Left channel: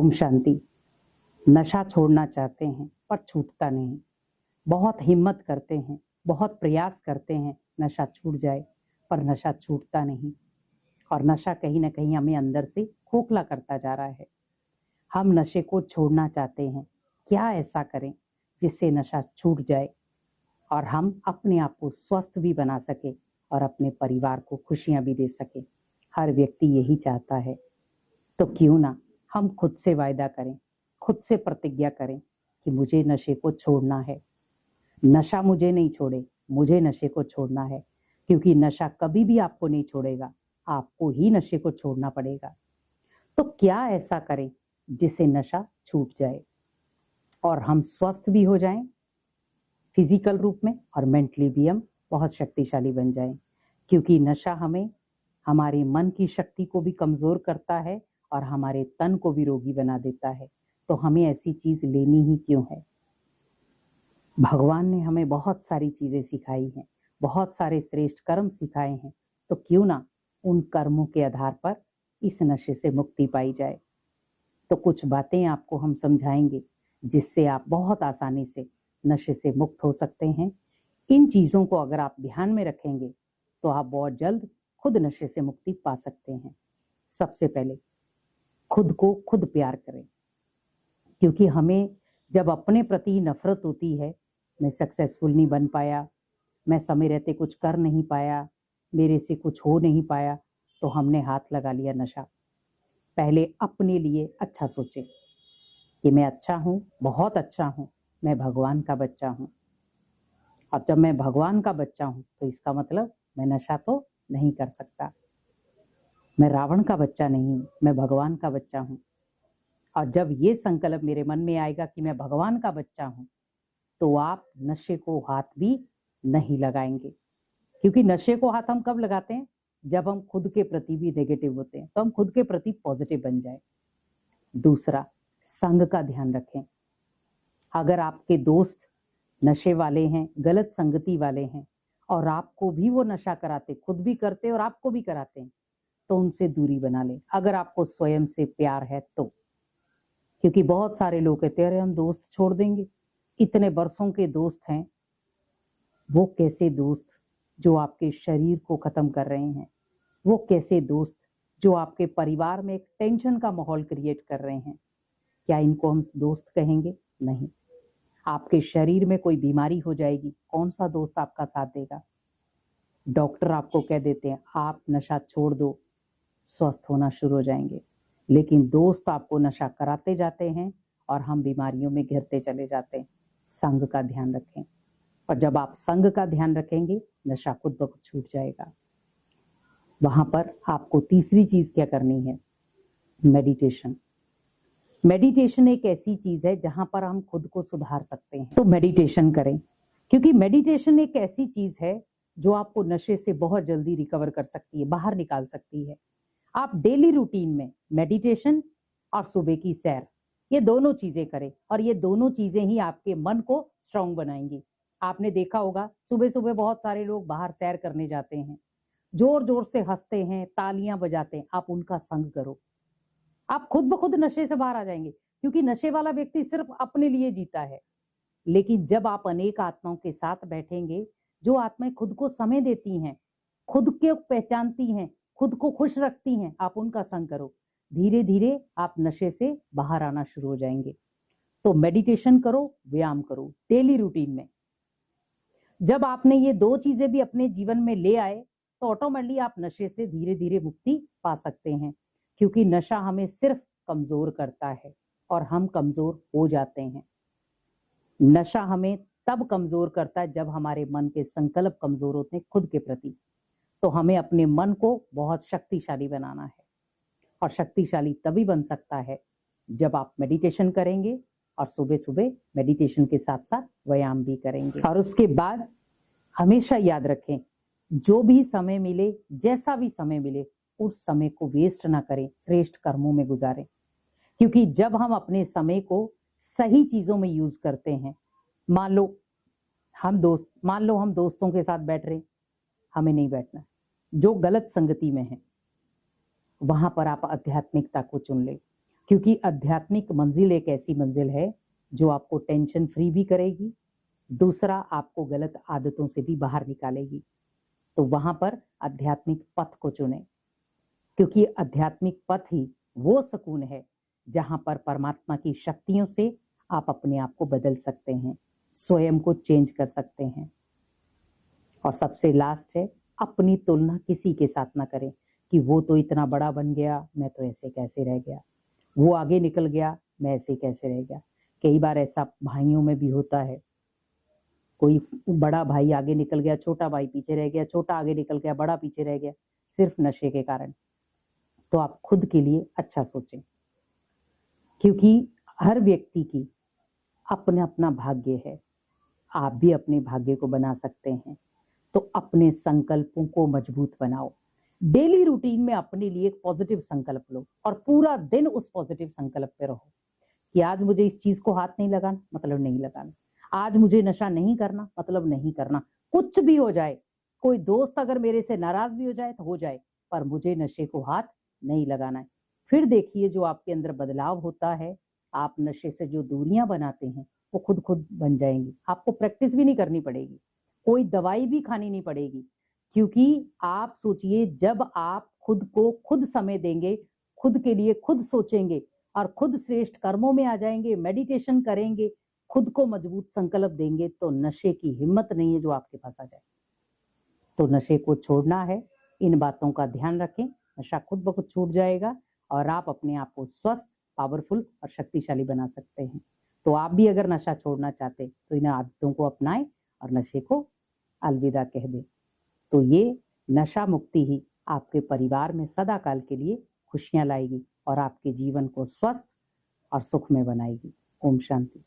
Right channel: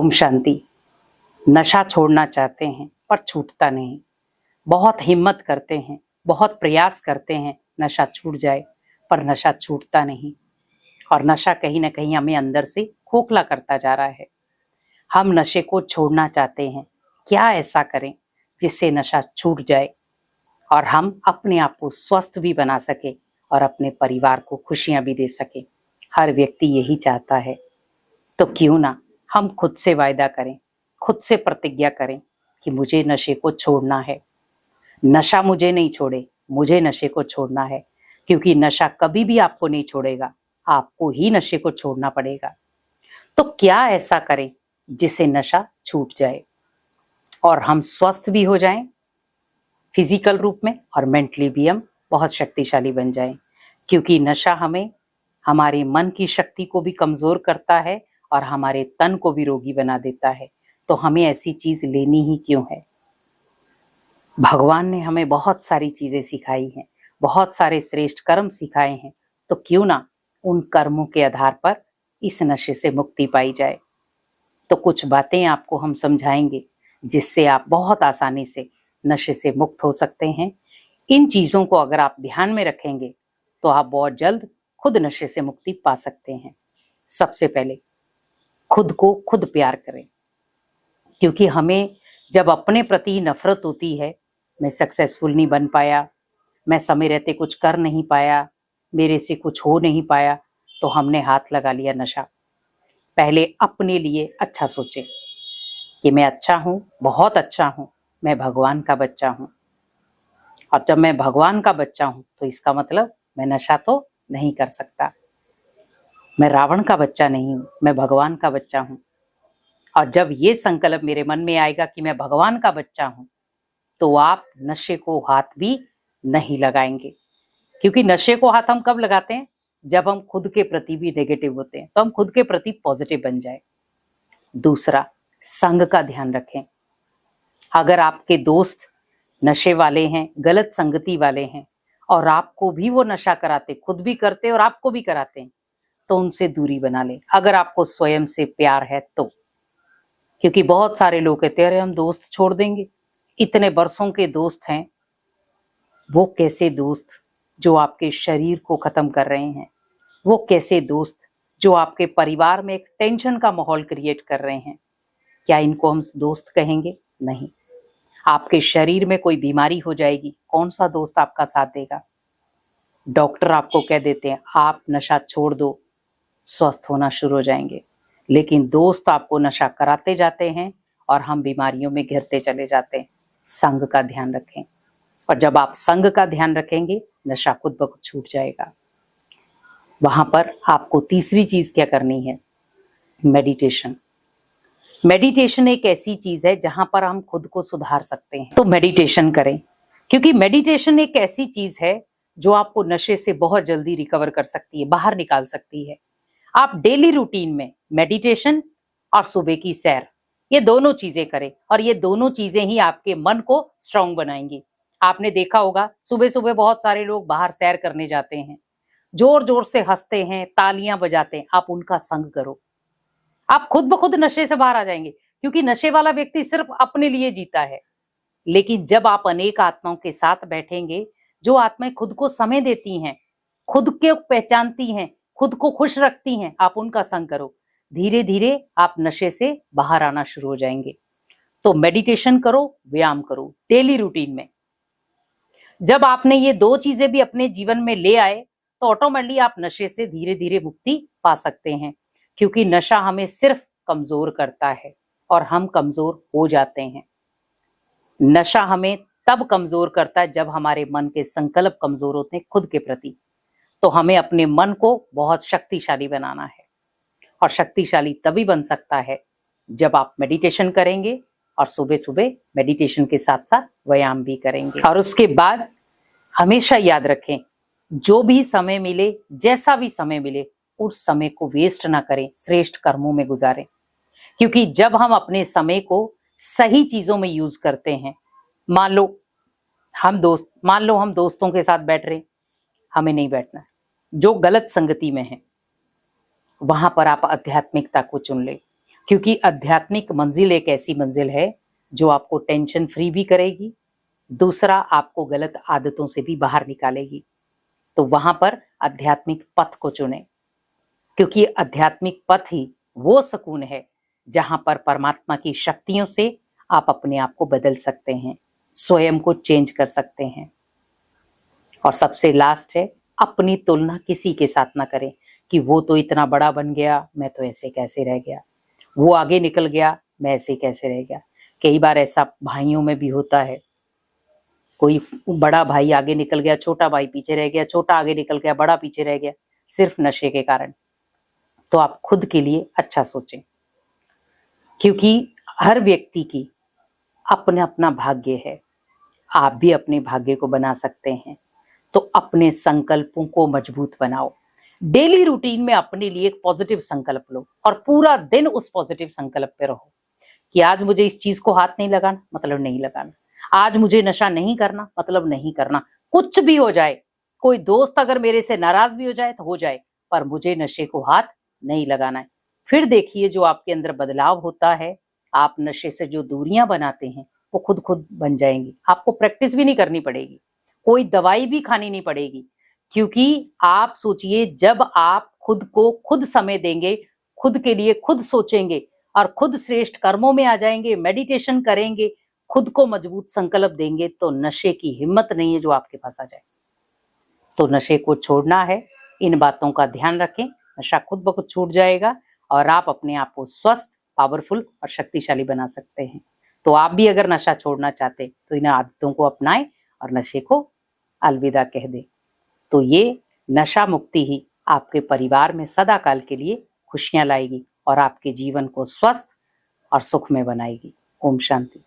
ओम शांति। नशा छोड़ना चाहते हैं पर छूटता नहीं। बहुत हिम्मत करते हैं, बहुत प्रयास करते हैं नशा छूट जाए, पर नशा छूटता नहीं। और नशा कहीं ना कहीं हमें अंदर से खोखला करता जा रहा है। हम नशे को छोड़ना चाहते हैं, क्या ऐसा करें जिससे नशा छूट जाए और हम अपने आप को स्वस्थ भी बना सके और अपने परिवार को खुशियां भी दे सके। हर व्यक्ति यही चाहता है। तो क्यों ना हम खुद से वायदा करें, खुद से प्रतिज्ञा करें कि मुझे नशे को छोड़ना है। नशा मुझे नहीं छोड़े, मुझे नशे को छोड़ना है। क्योंकि नशा कभी भी आपको नहीं छोड़ेगा, आपको ही नशे को छोड़ना पड़ेगा। तो क्या ऐसा करें जिससे नशा छूट जाए और हम स्वस्थ भी हो जाएं फिजिकल रूप में, और मेंटली भी हम बहुत शक्तिशाली बन जाएं। क्योंकि नशा हमें हमारे मन की शक्ति को भी कमजोर करता है और हमारे तन को भी रोगी बना देता है। तो हमें ऐसी चीज लेनी ही क्यों है? भगवान ने हमें बहुत सारी चीजें सिखाई हैं, बहुत सारे श्रेष्ठ कर्म सिखाए हैं। तो क्यों ना उन कर्मों के आधार पर इस नशे से मुक्ति पाई जाए। तो कुछ बातें आपको हम समझाएंगे जिससे आप बहुत आसानी से नशे से मुक्त हो सकते हैं। इन चीजों को अगर आप ध्यान में रखेंगे तो आप बहुत जल्द खुद नशे से मुक्ति पा सकते हैं। सबसे पहले खुद को खुद प्यार करें। क्योंकि हमें जब अपने प्रति नफरत होती है, मैं सक्सेसफुल नहीं बन पाया, मैं समय रहते कुछ कर नहीं पाया, मेरे से कुछ हो नहीं पाया, तो हमने हाथ लगा लिया नशा। पहले अपने लिए अच्छा सोचें कि मैं अच्छा हूँ, बहुत अच्छा हूँ, मैं भगवान का बच्चा हूँ। और जब मैं भगवान का बच्चा हूँ तो इसका मतलब मैं नशा तो नहीं कर सकता। मैं रावण का बच्चा नहीं हूँ, मैं भगवान का बच्चा हूँ। और जब ये संकल्प मेरे मन में आएगा कि मैं भगवान का बच्चा हूँ, तो आप नशे को हाथ भी नहीं लगाएंगे। क्योंकि नशे को हाथ हम कब लगाते हैं? जब हम खुद के प्रति भी नेगेटिव होते हैं। तो हम खुद के प्रति पॉजिटिव बन जाए। दूसरा, संग का ध्यान रखें। अगर आपके दोस्त नशे वाले हैं, गलत संगति वाले हैं, और आपको भी वो नशा कराते, खुद भी करते और आपको भी कराते हैं, तो उनसे दूरी बना लें। अगर आपको स्वयं से प्यार है तो। क्योंकि बहुत सारे लोग कहते हैं अरे हम दोस्त छोड़ देंगे, इतने बरसों के दोस्त हैं। वो कैसे दोस्त जो आपके शरीर को खत्म कर रहे हैं? वो कैसे दोस्त जो आपके परिवार में एक टेंशन का माहौल क्रिएट कर रहे हैं? क्या इनको हम दोस्त कहेंगे? नहीं। आपके शरीर में कोई बीमारी हो जाएगी, कौन सा दोस्त आपका साथ देगा? डॉक्टर आपको कह देते हैं आप नशा छोड़ दो, स्वस्थ होना शुरू हो जाएंगे। लेकिन दोस्त आपको नशा कराते जाते हैं और हम बीमारियों में घिरते चले जाते हैं। संग का ध्यान रखें। और जब आप संग का ध्यान रखेंगे, नशा खुद ब खुद छूट जाएगा। वहां पर आपको तीसरी चीज क्या करनी है? मेडिटेशन। मेडिटेशन एक ऐसी चीज है जहां पर हम खुद को सुधार सकते हैं। तो मेडिटेशन करें। क्योंकि मेडिटेशन एक ऐसी चीज है जो आपको नशे से बहुत जल्दी रिकवर कर सकती है, बाहर निकाल सकती है। आप डेली रूटीन में मेडिटेशन और सुबह की सैर, ये दोनों चीजें करें। और ये दोनों चीजें ही आपके मन को स्ट्रांग बनाएंगी। आपने देखा होगा सुबह सुबह बहुत सारे लोग बाहर सैर करने जाते हैं, जोर जोर से हंसते हैं, तालियां बजाते हैं। आप उनका संग करो, आप खुद ब खुद नशे से बाहर आ जाएंगे। क्योंकि नशे वाला व्यक्ति सिर्फ अपने लिए जीता है। लेकिन जब आप अनेक आत्माओं के साथ बैठेंगे, जो आत्माएं खुद को समय देती हैं, खुद को पहचानती हैं, खुद को खुश रखती हैं, आप उनका संग करो। धीरे धीरे आप नशे से बाहर आना शुरू हो जाएंगे। तो मेडिटेशन करो, व्यायाम करो डेली रूटीन में। जब आपने ये दो चीजें भी अपने जीवन में ले आए, तो ऑटोमेटिकली आप नशे से धीरे धीरे मुक्ति पा सकते हैं। क्योंकि नशा हमें सिर्फ कमजोर करता है और हम कमजोर हो जाते हैं। नशा हमें तब कमजोर करता है जब हमारे मन के संकल्प कमजोर होते हैं खुद के प्रति। तो हमें अपने मन को बहुत शक्तिशाली बनाना है। और शक्तिशाली तभी बन सकता है जब आप मेडिटेशन करेंगे, और सुबह सुबह मेडिटेशन के साथ साथ व्यायाम भी करेंगे। और उसके बाद हमेशा याद रखें, जो भी समय मिले, जैसा भी समय मिले, उस समय को वेस्ट ना करें, श्रेष्ठ कर्मों में गुजारें। क्योंकि जब हम अपने समय को सही चीजों में यूज करते हैं, मान लो हम दोस्तों के साथ बैठ रहे, हमें नहीं बैठना। जो गलत संगति में है वहां पर आप आध्यात्मिकता को चुन ले। क्योंकि आध्यात्मिक मंजिल एक ऐसी मंजिल है जो आपको टेंशन फ्री भी करेगी, दूसरा आपको गलत आदतों से भी बाहर निकालेगी। तो वहां पर आध्यात्मिक पथ को चुने, क्योंकि आध्यात्मिक पथ ही वो सुकून है जहां पर परमात्मा की शक्तियों से आप अपने आप को बदल सकते हैं, स्वयं को चेंज कर सकते हैं। और सबसे लास्ट है, अपनी तुलना किसी के साथ ना करें कि वो तो इतना बड़ा बन गया, मैं तो ऐसे कैसे रह गया, वो आगे निकल गया, मैं ऐसे कैसे रह गया। कई बार ऐसा भाइयों में भी होता है, कोई बड़ा भाई आगे निकल गया, छोटा भाई पीछे रह गया, छोटा आगे निकल गया, बड़ा पीछे रह गया, सिर्फ नशे के कारण। तो आप खुद के लिए अच्छा सोचें, क्योंकि हर व्यक्ति की अपना अपना भाग्य है। आप भी अपने भाग्य को बना सकते हैं। तो अपने संकल्पों को मजबूत बनाओ। डेली रूटीन में अपने लिए एक पॉजिटिव संकल्प लो और पूरा दिन उस पॉजिटिव संकल्प पे रहो कि आज मुझे इस चीज को हाथ नहीं लगाना, मतलब नहीं लगाना। आज मुझे नशा नहीं करना, मतलब नहीं करना। कुछ भी हो जाए, कोई दोस्त अगर मेरे से नाराज भी हो जाए तो हो जाए, पर मुझे नशे को हाथ नहीं लगाना है। फिर देखिए जो आपके अंदर बदलाव होता है, आप नशे से जो दूरियां बनाते हैं वो खुद खुद बन जाएंगी। आपको प्रैक्टिस भी नहीं करनी पड़ेगी, कोई दवाई भी खानी नहीं पड़ेगी। क्योंकि आप सोचिए, जब आप खुद को खुद समय देंगे, खुद के लिए खुद सोचेंगे और खुद श्रेष्ठ कर्मों में आ जाएंगे, मेडिटेशन करेंगे, खुद को मजबूत संकल्प देंगे, तो नशे की हिम्मत नहीं है जो आपके पास आ जाए। तो नशे को छोड़ना है, इन बातों का ध्यान रखें, नशा खुद ब खुद छूट जाएगा और आप अपने आप को स्वस्थ, पावरफुल और शक्तिशाली बना सकते हैं। तो आप भी अगर नशा छोड़ना चाहते तो इन आदतों को अपनाएं और नशे को अलविदा कह दें। तो ये नशा मुक्ति ही आपके परिवार में सदा काल के लिए खुशियां लाएगी और आपके जीवन को स्वस्थ और सुख में बनाएगी। ओम शांति।